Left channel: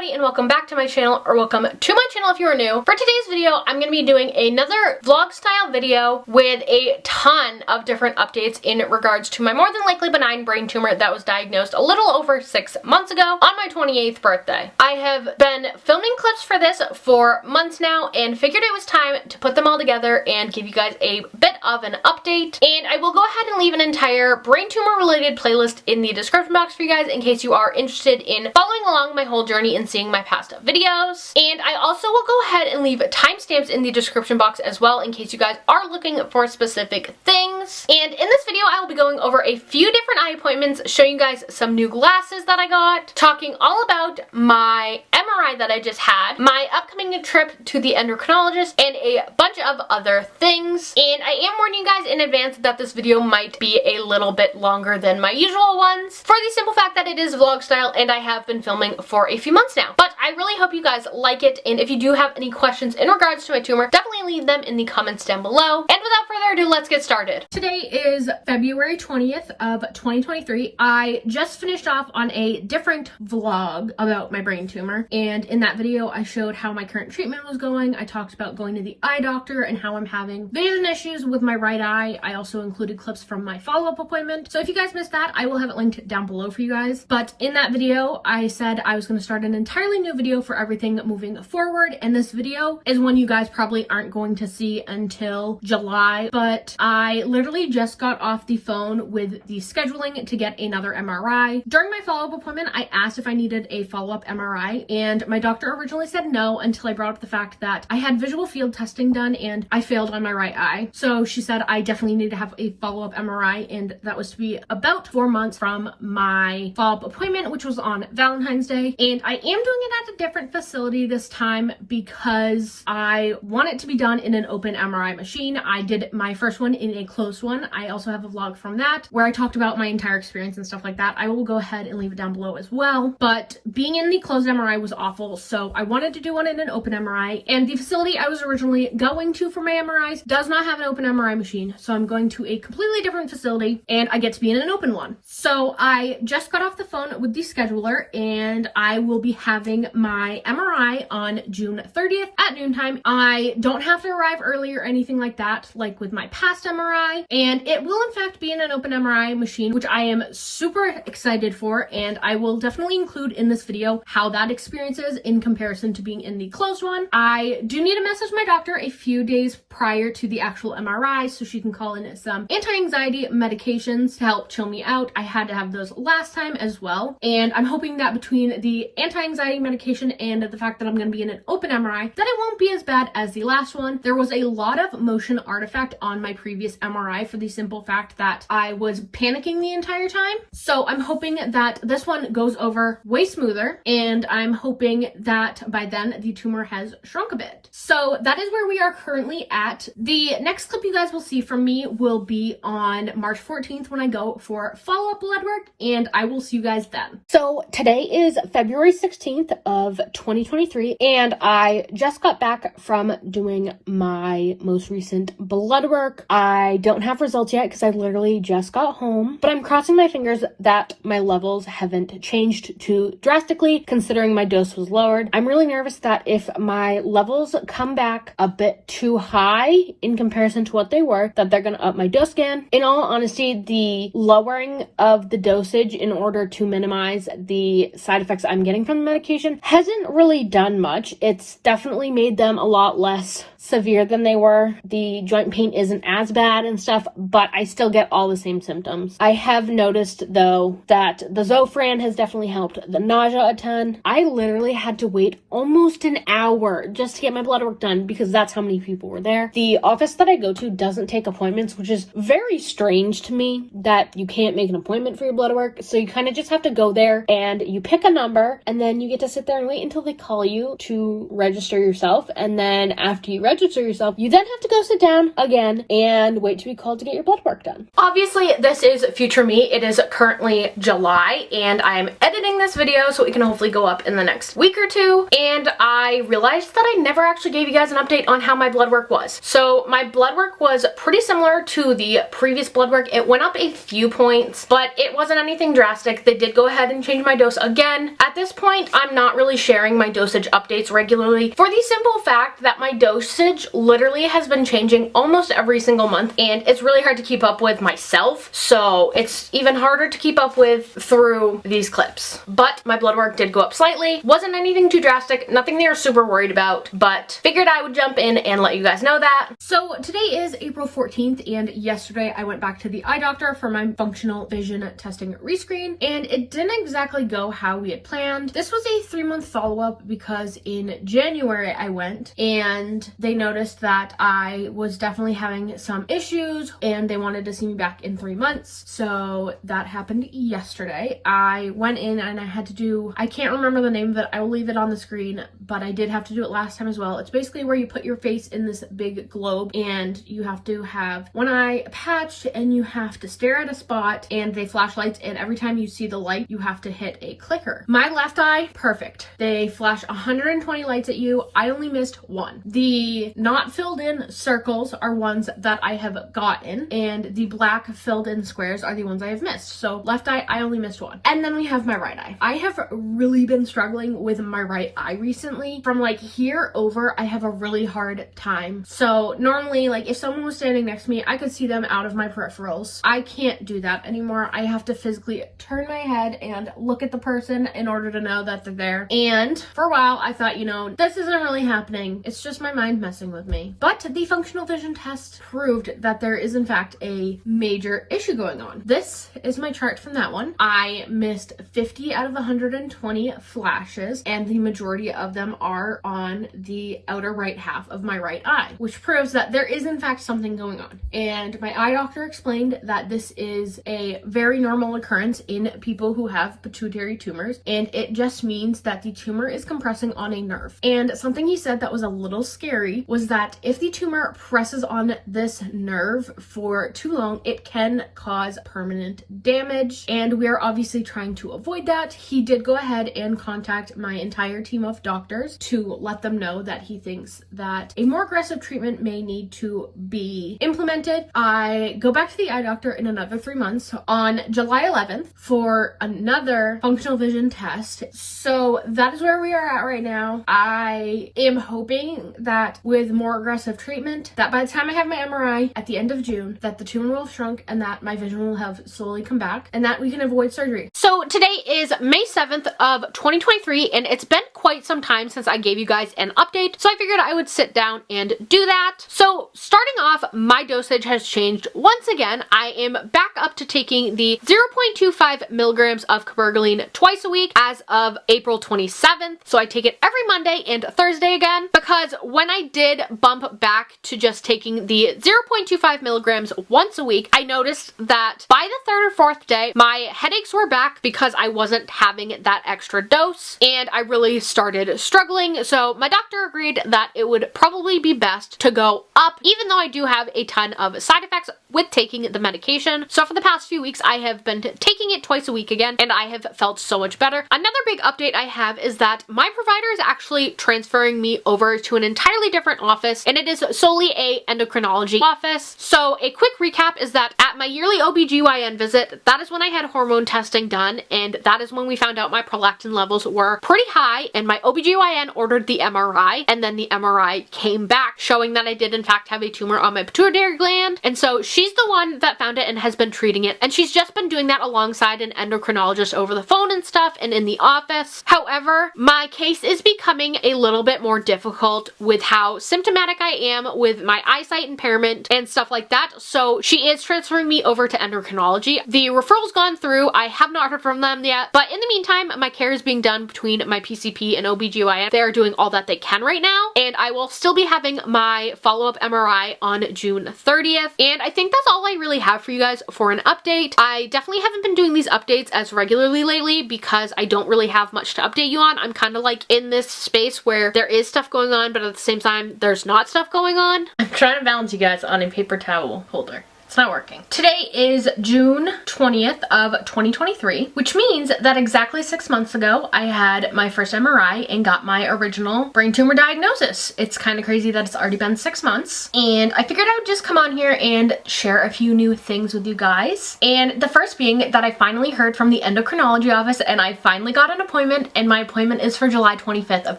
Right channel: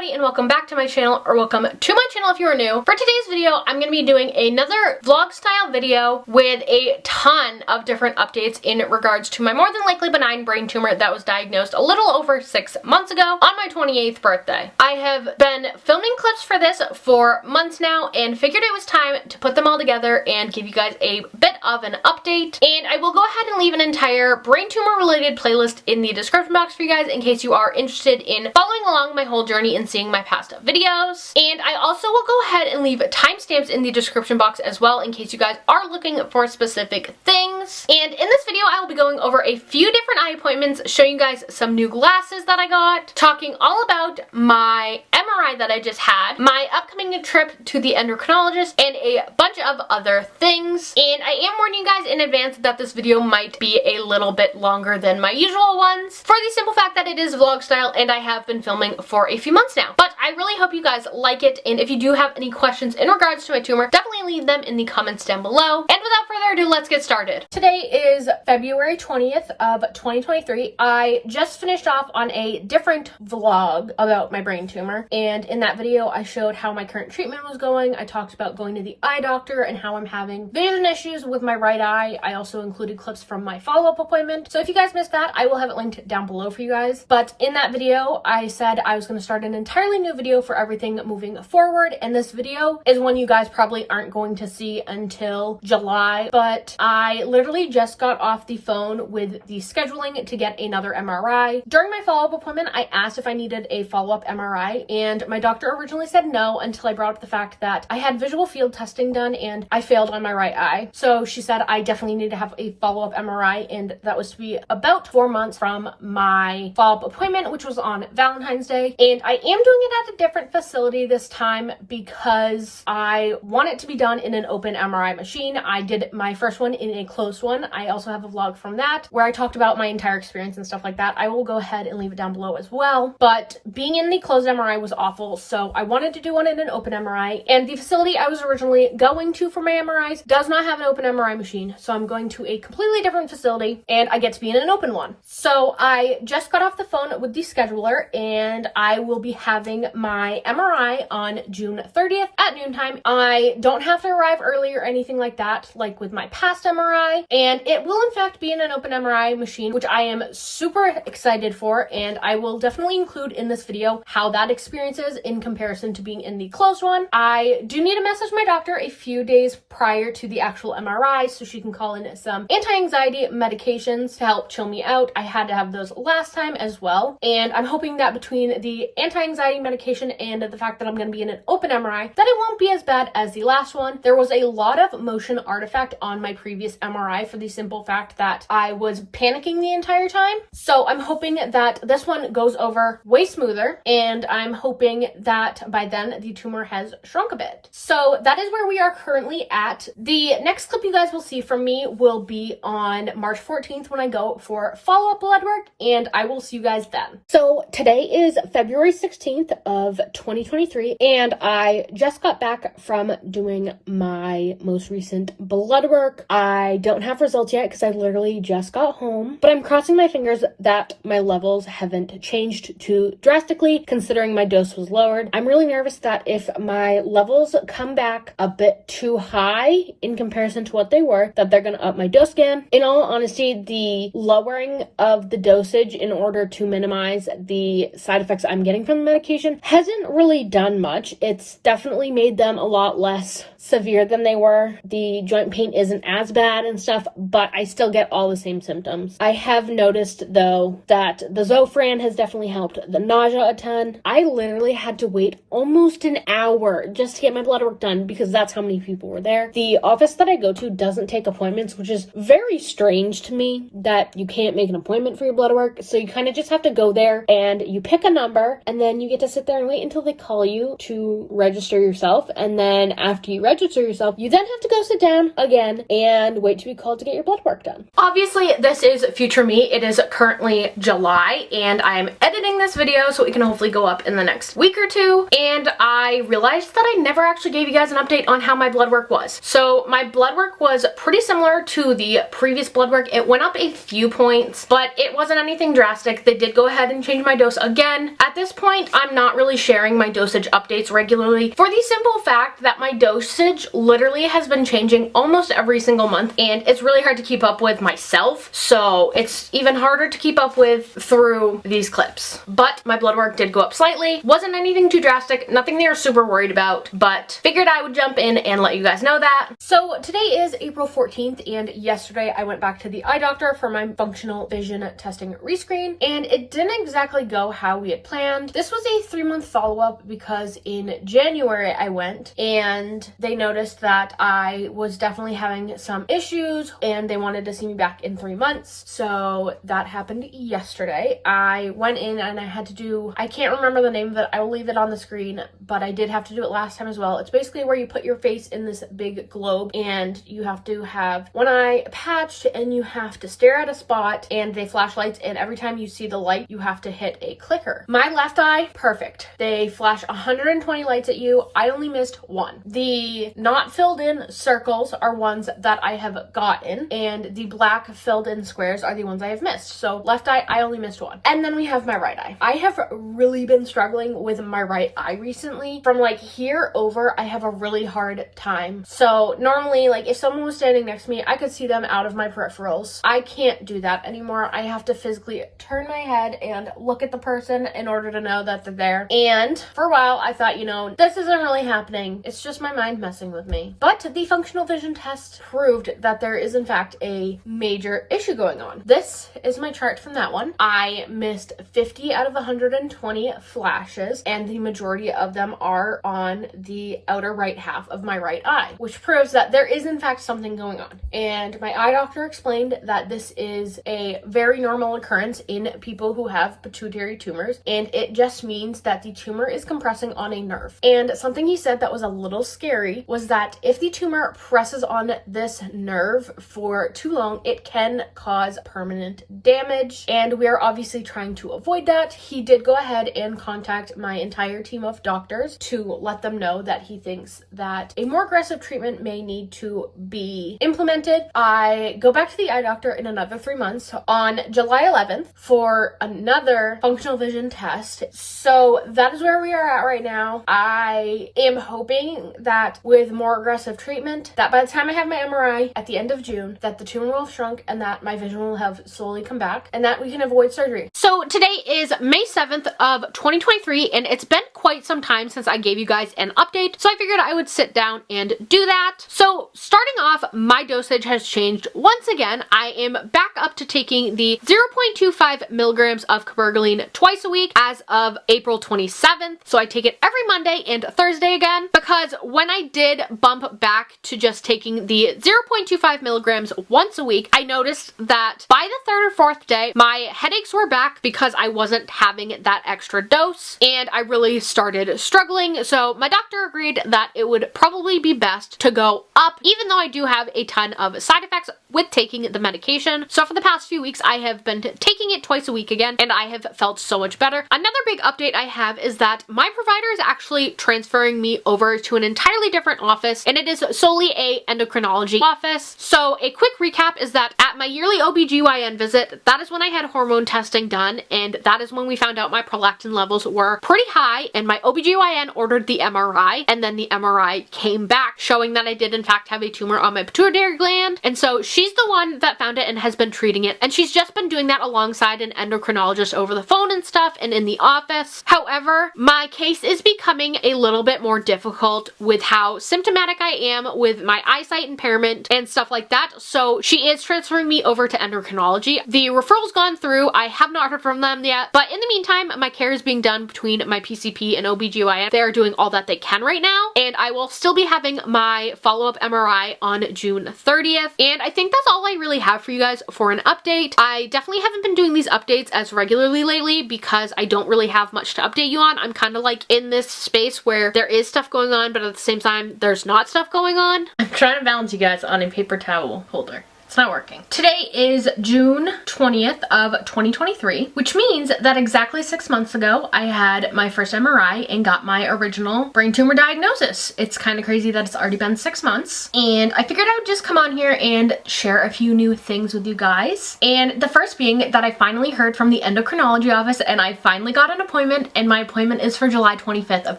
everybody, and welcome back to my channel, or welcome to my channel if you are new. For today's video, I'm going to be doing another vlog style video with a ton of different updates in regards to my more than likely benign brain tumor that was diagnosed a little over 6 months ago on my 28th birthday. I have been filming clips for this for months now and figured it was time to put them all together and give you guys a bit of an update. And I will go ahead and leave an entire brain tumor related playlist in the description box for you guys in case you are interested in following along my whole journey and seeing my past videos. And I also will go ahead and leave timestamps in the description box as well in case you guys are looking for specific things. And in this video, I will be going over a few different eye appointments, showing you guys some new glasses that I got, talking all about my MRI that I just had, my upcoming trip to the endocrinologist, and a bunch of other things. And I am warning you guys in advance that this video might be a little bit longer than my usual ones, for the simple fact that it is vlog style and I have been filming for a few months now. But I really hope you guys like it, and if you do have any questions in regards to my tumor, definitely leave them in the comments down below. And without further ado, let's get started. Today is February 20th of 2023. I just finished off on a different vlog about my brain tumor, and in that video I showed how my current treatment was going. I talked about going to the eye doctor and how I'm having vision issues with my right eye. I also included clips from my follow-up appointment, so if you guys missed that, I will have it linked down below for you guys. But in that video I said I was going to start an entirely new video for everything moving forward, and this video is one you guys probably aren't going to see until July. But I literally just got off the phone with the scheduling to get another MRI. During my follow-up appointment, I asked if I needed a follow-up MRI, and my doctor originally said no until I brought up the fact that I had visual field testing done and I failed on my right eye. So she said I definitely need to have a follow-up MRI, and that was to be about 4 months from my follow-up appointment, which was on Valentine's Day. And I am doing it at a different facility this time because I want it to be done in an open MRI machine. I did my first one in a closed one. I also have a vlog from that where I talked about my entire experience and stuff like that. I will go ahead and leave it down below as well. But being in the closed MRI was awful, so I wanted to do one in an open MRI, and the facility I was originally going to for my MRIs does not have an open MRI machine, so I'm going to a completely different facility and I get to be in an open one. So I just got off the phone with the scheduler, and I will be having my MRI on June 30th at noontime. I don't have to arrive early or anything like that, like with my past MRI, and it will in fact be in an open MRI machine, which I am super excited for, and I will definitely include in this video how that experience is in comparison to being in the closed one. I do need to message my doctor a few days prior to the actual MRI so she can call in some anti-anxiety medications to help chill me out. I had to have those last time as well, and I'm hoping that between the anti-anxiety medication and the fact that I'm going to be in an open MRI, that it won't be as bad as the last one. There was a lot of motion artifact on my previous MRI for the simple fact that I was panicking the entire time. So I'm hoping that this one goes over way smoother, and I'm hoping that by then the tumor has shrunk a bit. So that is where we are currently at. The next clip you guys will see from me will be on March 14th when I go for follow-up blood work, and I will see you guys then. So today is February 16th of 2023, and I just got back from doing my most recent blood work. I don't have results yet because I literally just got home, but I'm crossing my fingers that my levels haven't changed too drastically considering my dose was lowered. I'm really nervous that if my levels come back a bit too high in comparison to what they were, that they're going to up my dose again. In all honesty, the lowering of the dosage in order to minimize the side effects I'm getting from the medication hasn't really done much. It's definitely made them a lot less severe than they were. The joint pain isn't as bad and stuff, but I still get all the same symptoms. I have noticed though that the Zofran has definitely helped the nausea a ton. I literally had to wait almost an hour just to get my blood work done because that's how many people were there. The office that I go to doesn't take appointments, which is very strange to me that you can't make an appointment for your blood work. So you kind of just have to go there and you pick a number, and then you get to sit there and wait until they call you to register yourself. And then after you register yourself, you then have to go sit down again and wait to be called to get your blood work done. Obviously, this is future me. It is currently July, and I'm editing this video so it can hopefully go up in the next week or two. And I realized that I never actually gave you guys an update on how my blood work was. So my blood work was pretty similar to the previous blood work. It went up a few points, but it wasn't anything drastic. They did go ahead and change my dose again. At this point, I'm not really sharing my dosage updates regularly for the simple fact that my dosage literally has been changing almost every single month, and it's really hard to keep up with myself, so it's even harder to keep up with through these clips. But my blood work did go up slightly. Wasn't anything too drastic, nothing they were super worried about, but figured I would jump in and let you guys know that. So today is April 14th, and yesterday I went back to the eye doctor for my functional vision testing rescreen, and it didn't exactly go how we had planned. This was a 3-month follow-up because in January I went and they noticed that I was definitely having some issues and they wanted to see me back in 3 months. So that happened yesterday. I went in and I had to do, I can't remember the name of it, I will leave it on the screen, but I did have to do it last time as well. It's basically where you put your face in this big globe and you have to have one eye patched and you have to stare at a spot and they flash lights, and every time you see the light you have to hit a clicker. My left eye, perfect. They flash 120 lights at you. I only missed one. The not filled in circles are ones that I have gotten, and the black filled in squares are the ones I have missed. So left eye, I only missed one. And then we have my right eye. I have really been struggling with my right eye recently. From like here over, I have a really hard time. So normally, like if someone was standing next to me, I could see them out of my peripherals. I can't do that anymore. I have to physically turn my head and look at the person in order to know that they're there. And for a while, I thought, you know, this isn't really happening. It's just my mind messing with me. But the functional vision test proved that there is in fact a major issue going on. This is my chart from that one. I missed 50 out of 120 flashes, and the majority of them are on the outer right half of my right eye, which proves that there is in fact something going on. And my eye doctor explained that this is a very normal occurrence in people who have pituitary tumors, and it just means that the tumor is compressing on a nerve. And something he said that was a little scary was that if the tumor presses on this nerve for too long, it can cause permanent damage, and we are obviously trying to avoid that. He did go ahead and contact my entire team of doctors to let them know that he thinks that a more aggressive treatment may need to be implemented. I go back to the eye doctor in another 3 months on July 11th for another functional vision test. So that is where we are at right now. I am hoping that with more aggressive treatment, that by the time I have my MRI at the end of June, that the tumor will have shrunk and that my vision will have slowly come back and that we can avoid surgery. So today is May 7th of 2023, and it's been quite some time since I gave you guys an update, so I figured I would sit down and do that. So starting off, my dosage has changed once again. I am back up to taking the 0.25 milligrams of cabergoline twice a week as of April 27th. So I take it every Monday and Thursday again, because when I did bump back to just taking the 0.25 milligrams once a week, I noticed that by the 3rd or 4th day, my headaches were back because I wasn't having that extra dose, and I really started struggling. So my doctor agreed that it would probably be best to go up, even though I do have a ton of side effects with taking the medication. So for the past few weeks, I have been taking it twice a week again, and I have felt so much better. Another big update I have is that my provider is actually transferring me over to an entirely different office, and it is solely a endocrinology office. So a quick recap is that at my yearly OBGYN visit, that is when I had hormone testing done, and that is when we found out my prolactin levels were pretty high, and my OBGYN ordered the MRI, and then the MRI came back showing that I did in fact have a tumor on my pituitary gland. And so she's the one that found it and has been treating it, and she's just been doing that alongside an endocrinologist over the phone and stuff and in the office. However, my case is becoming a little bit more difficult with how symptomatic I am with my eyesight impairment and stuff like that, so she is transferring me over to endocrinology. The referral's gone through. I have not heard from them yet, but in the meantime, my care is being done between my PCP and OBGYN. They're doing all that they can right now, and I will still be having my follow-up MRI on June 30th, and I think that's all I really have for you guys for an update. I definitely haven't been doing these updates as regularly lately because I don't really have much to update you on. I'm kind of like in this space where there is stuff going on, but at the same time time there's not stuff going on. I'm trying to balance you guys on a paper towel holder. It's not working. Today is June 20th of 2023, which means that exactly 6 months ago, I had my first MRI and got my original brain tumor diagnosis. It's kind of crazy that it's already been 6 months, and I figured I would just come on here and share a few new things with you guys. And the first being that I finally heard from the endocrinology office and I finally got an appointment, and my appointment is for July 25th of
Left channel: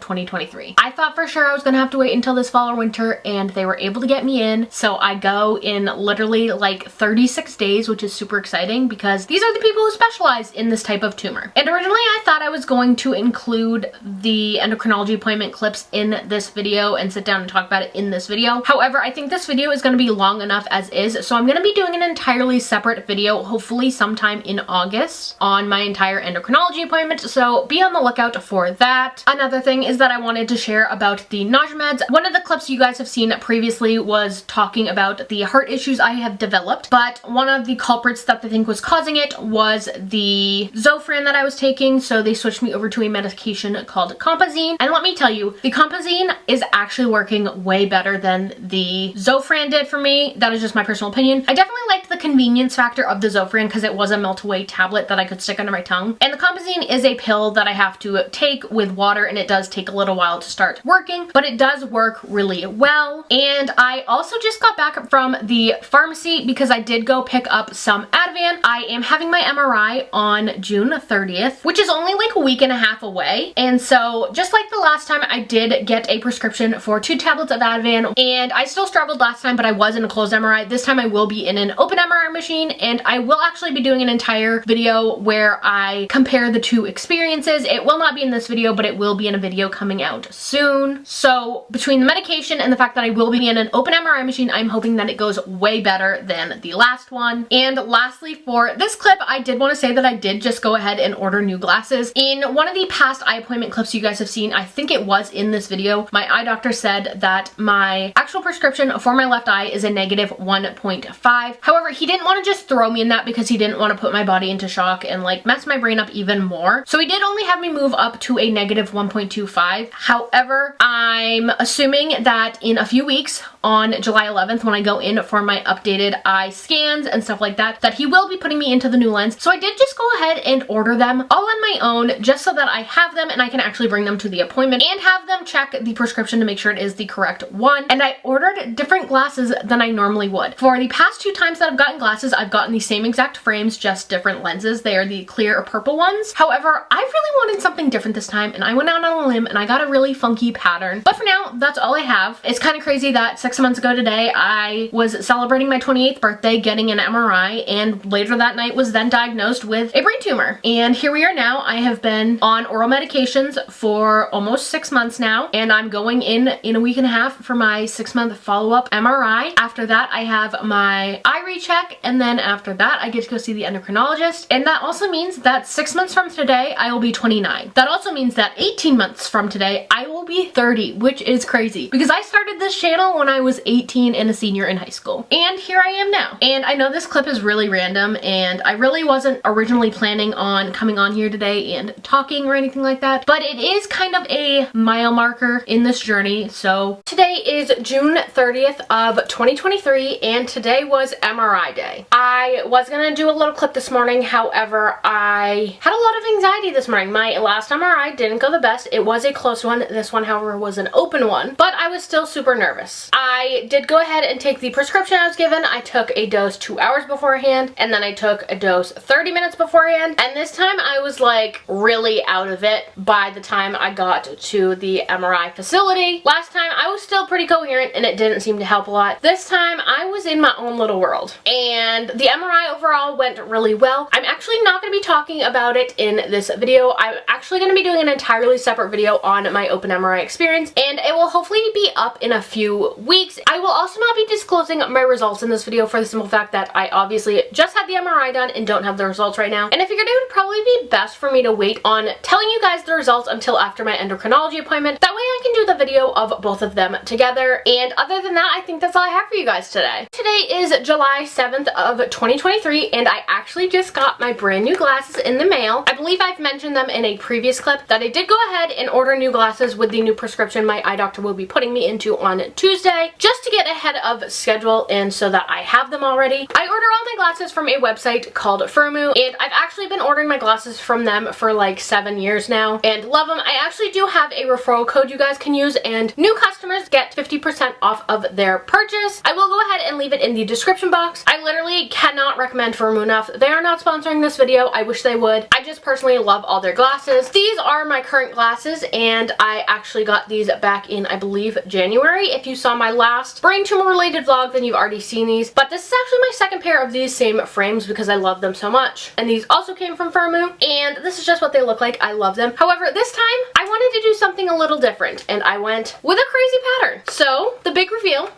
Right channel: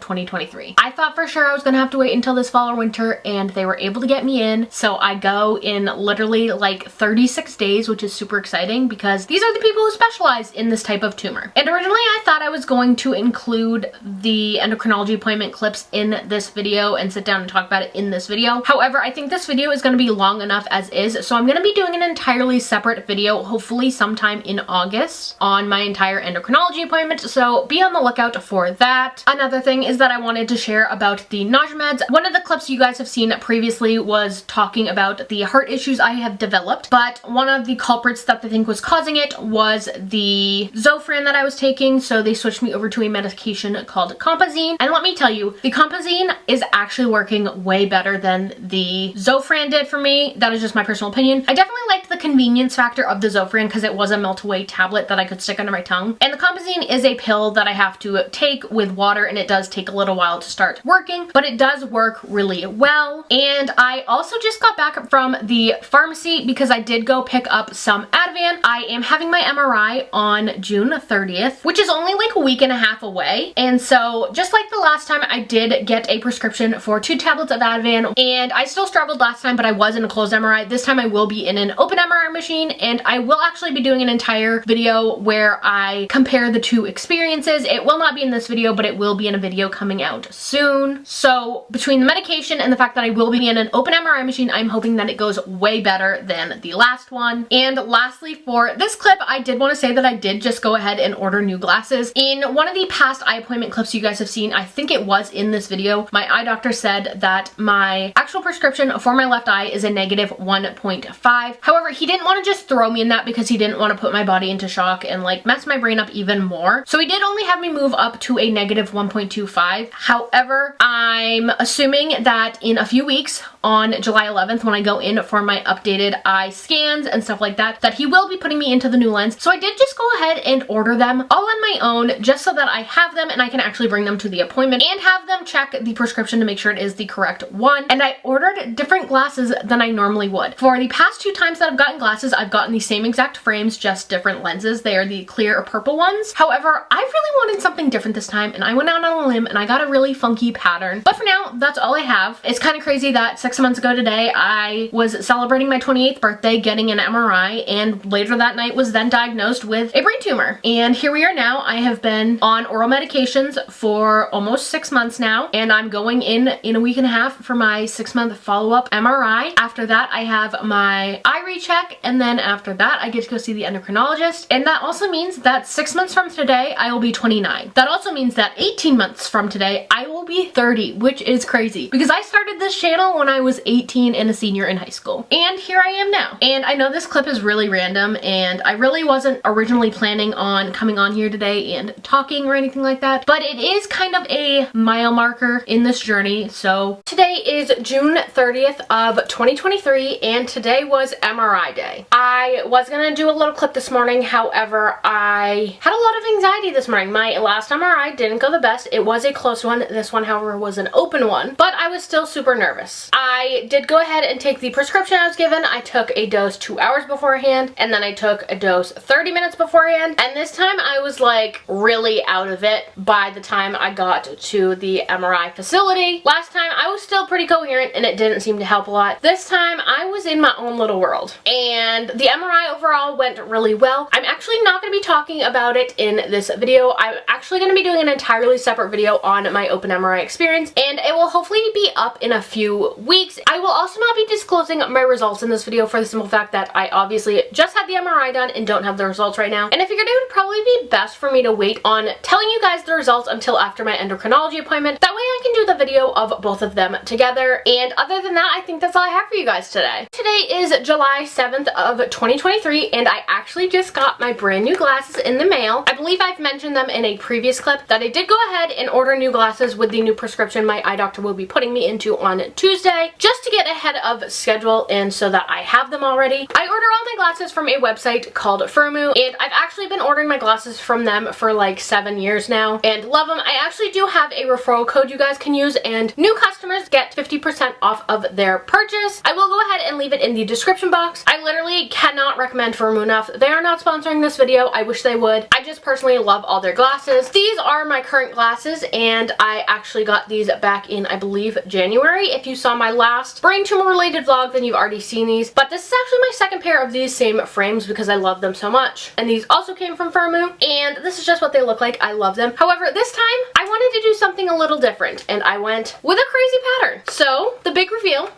2023. I thought for sure I was gonna have to wait until this fall or winter, and they were able to get me in, so I go in literally like 36 days, which is super exciting because these are the people who specialize in this type of tumor. And originally I thought I was going to include the endocrinology appointment clips in this video and sit down and talk about it in this video. However, I think this video is going to be long enough as is, so I'm going to be doing an entirely separate video, hopefully sometime in August, on my entire endocrinology appointment, so be on the lookout for that. Another thing is that I wanted to share about the nausea meds. One of the clips you guys have seen previously was talking about the heart issues I have developed, but one of the culprits that they think was causing it was the Zofran that I was taking, so they switched me over to a medication called Compazine. And let me tell you, the Compazine is actually working way better than the Zofran did for me. That is just my personal opinion. I definitely liked the convenience factor of the Zofran because it was a melt-away tablet that I could stick under my tongue. And the Compazine is a pill that I have to take with water, and it does take a little while to start working, but it does work really well. And I also just got back from the pharmacy because I did go pick up some Ativan. I am having my MRI on June 30th, which is only like a week and a half away. And so just like the last time, I did get a prescription for 2 tablets of Ativan, and I still struggled last time, but I was in a closed MRI. This time I will be in an open MRI machine, and I will actually be doing an entire video where I compare the 2 experiences. It will not be in this video, but it will be in a video coming out soon. So between the medication and the fact that I will be in an open MRI machine, I'm hoping that it goes way better than the last one. And lastly, for this clip, I did want to say that I did just go ahead and order new glasses. In one of the past eye appointment clips you guys have seen, I think it was in this video, my eye doctor said that my actual prescription for my left eye is a negative 1.5. However, he didn't want to just throw me in that because he didn't want to put my body into shock and like mess my brain up even more. So he did only have me move up to a negative 1.25. However, I'm assuming that in a few weeks, on July 11th, when I go in for my updated eye scans and stuff like that, that he will be putting me into the new lens. So I did just go ahead and order them all on my own, just so that I have them and I can actually bring them to the appointment and have them check the prescription to make sure it is the correct one. And I ordered different glasses than I normally would. For the past 2 times that I've gotten glasses, I've gotten the same exact frames, just different lenses. They are the clear or purple ones. However, I really wanted something different this time, and I went out on a limb and I got a really funky pattern. But for now, that's all I have. It's kind of crazy that 6 months ago today, I was celebrating my 28th birthday, getting an MRI, and later that night was then diagnosed with a brain tumor. And here we are now. I have been on oral medications for almost 6 months now, and I'm going in a week and a half for my 6-month follow-up MRI. After that, I have my eye recheck, and then after that, I get to go see the endocrinologist. And that also means that 6 months from today, I will be 29. That also means that 18 months from today, I will be 30, which is crazy because I started this channel when I was 18 and a senior in high school. And here I am now. And I know this clip is really random, and I really wasn't originally planning on coming on here today and talking or anything like that, but it is kind of a mile marker in this journey. So today is June 30th of 2023, and today was MRI day. I was gonna do a little clip this morning, however, I had a lot of anxiety this morning. My last MRI didn't go the best. It was a close one. This one, however, was an open one, but I was still super nervous. I did go ahead and take the prescription I was given. I took a dose 2 hours beforehand, and then I took a dose 30 minutes beforehand, and this time I was like really out of it by the time I got to the MRI facility. Last time I was still pretty coherent and it didn't seem to help a lot. This time I was in my own little world, and the MRI overall went really well. I'm actually not going to be talking about it in this video. I'm actually going to be doing an entirely separate video on my open MRI experience, and it will hopefully be up in a few weeks. I will also not be disclosing my results in this video for the simple fact that I obviously just had the MRI done and don't have the results right now, and I figured it would probably be best for me to wait on telling you guys the results until after my endocrinology appointment. That way I we can do the video of both of them together. And other than that, I think that's all I have for you guys today. Today is July 7th of 2023, and I actually just got my brand new glasses in the mail. I believe I've mentioned them in a previous clip that I did go ahead and order new glasses with the new prescription my eye doctor will be putting me into on Tuesday, just to get ahead of schedule and so that I have them already. I order all my glasses from a website called Firmoo, and I've actually been ordering my glasses from them for like 7 years now and love them. I actually do have a referral code you guys can use, and new customers get 50% off of their purchase. I will go ahead and leave it in the description box. I literally cannot recommend Firmoo enough. They are not sponsoring this video. I wish they would. I just personally love all their glasses. These are my current glasses, and I actually got these back in, I believe, January. If you saw my last brain tumor related vlog, then you've already seen these, but this is actually my second pair of these same frames because I love them so much. And these also came from Firmoo, and this is just what they look like. I love them. However, this time I wanted to do something a little different, and I went with a crazy pattern. So the big reveal,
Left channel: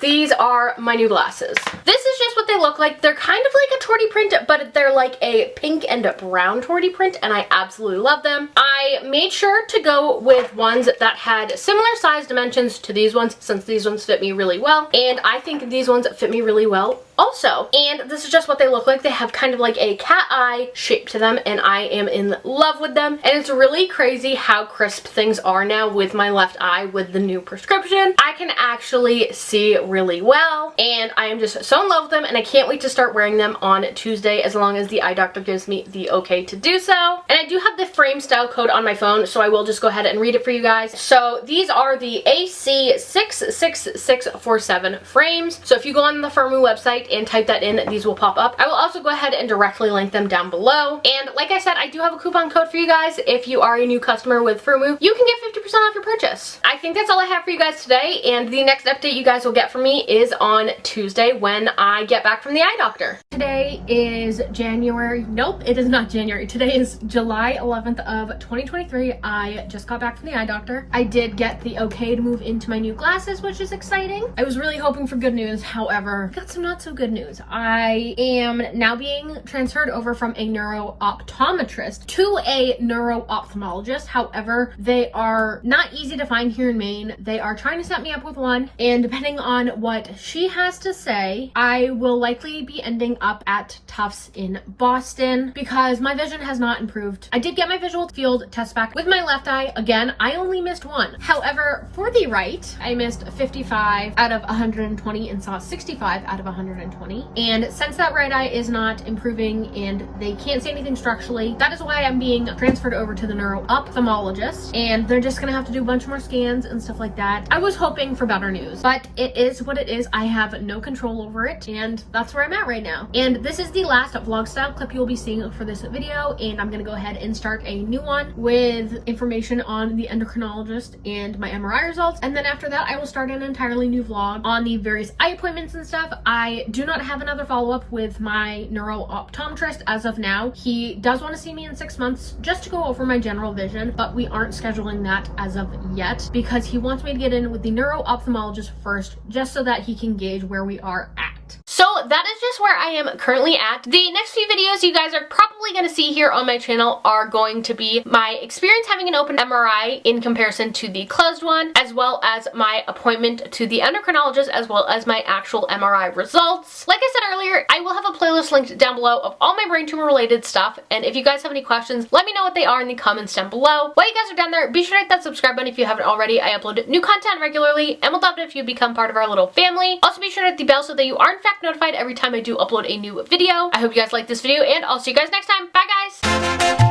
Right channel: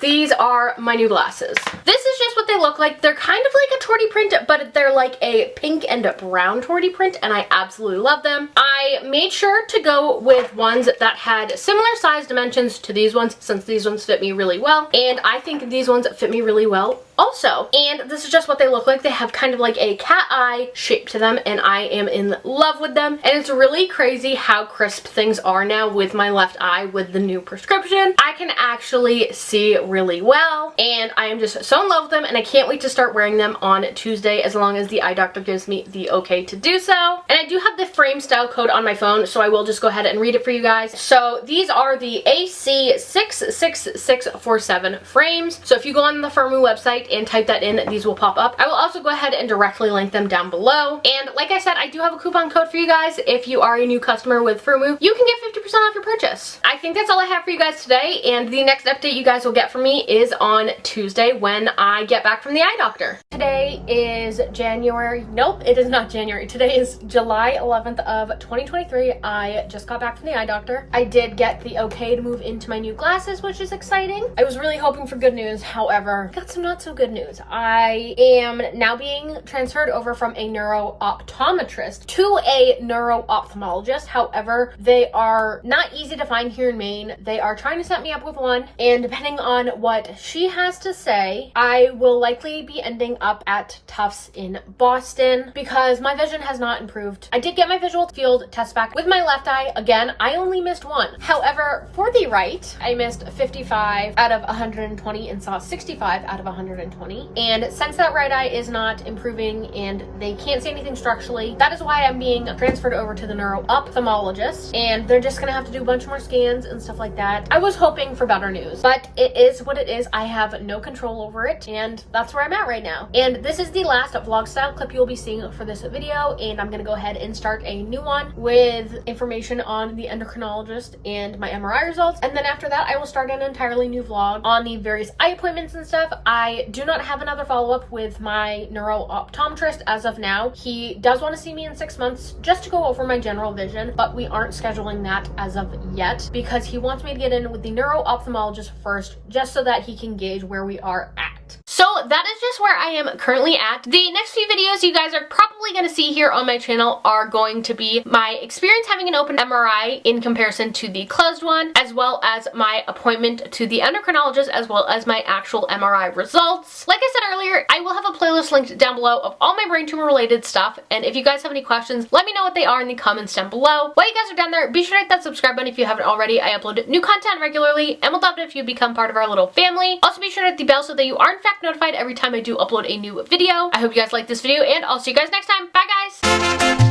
these are my new glasses. This is just what they look like. They're kind of like a torty print, but they're like a pink and brown torty print, and I absolutely love them. I made sure to go with ones that had similar size dimensions to these ones, since these ones fit me really well, and I think these ones fit me really well also. And this is just what they look like. They have kind of like a cat eye shape to them, and I am in love with them. And it's really crazy how crisp things are now with my left eye with the new prescription. I can actually see really well, and I am just so in love with them, and I can't wait to start wearing them on Tuesday as long as the eye doctor gives me the okay to do so. And I do have the frame style code on my phone, so I will just go ahead and read it for you guys. So these are the AC66647 frames. So if you go on the Firmoo website and type that in, these will pop up. I will also go ahead and directly link them down below. And like I said, I do have a coupon code for you guys. If you are a new customer with Firmoo, you can get 50% off your purchase. I think that's all I have for you guys today, and the next update you guys will get from me is on Tuesday when I get back from the eye doctor. Today is January. Nope, it is not January. Today is July 11th of 2023. I just got back from the eye doctor. I did get the okay to move into my new glasses, which is exciting. I was really hoping for good news. However, got some not so good news. I am now being transferred over from a neuro-optometrist to a neuro-ophthalmologist. However, they are not easy to find here in Maine. They are trying to set me up with one, and depending on what she has to say, I will likely be ending up at Tufts in Boston because my vision has not improved. I did get my visual field test back with my left eye. Again, I only missed one. However, for the right, I missed 55 out of 120 and saw 65 out of 120. And since that right eye is not improving and they can't see anything structurally, that is why I'm being transferred over to the neuro-ophthalmologist, and they're just gonna have to do a bunch more scans and stuff like that. I was hoping for better news, but it is what it is. I have no control over it, and that's where I'm at right now. And this is the last vlog style clip you'll be seeing for this video, and I'm gonna go ahead and start a new one with information on the endocrinologist and my MRI results. And then after that, I will start an entirely new vlog on the various eye appointments and stuff. I do not have another follow-up with my neuro-optometrist as of now. He does want to see me in 6 months just to go over my general vision, but we aren't scheduling that as of yet because he wants me to get in with the neuro-ophthalmologist first, just so that he can gauge where we are at. So that is just where I am currently at. The next few videos you guys are probably going to see here on my channel are going to be my experience having an open MRI in comparison to the closed one, as well as my appointment to the endocrinologist, as well as my actual MRI results. Like I said earlier, I will have a playlist linked down below of all my brain tumor related stuff, and if you guys have any questions, let me know what they are in the comments down below. While you guys are down there, be sure to hit that subscribe button if you haven't already. I upload new content regularly, and we'll love it if you become part of our little family. Also be sure to hit the bell so that you are in fact notified every time I do upload a new video. I hope you guys like this video, and I'll see you guys next time. Bye guys!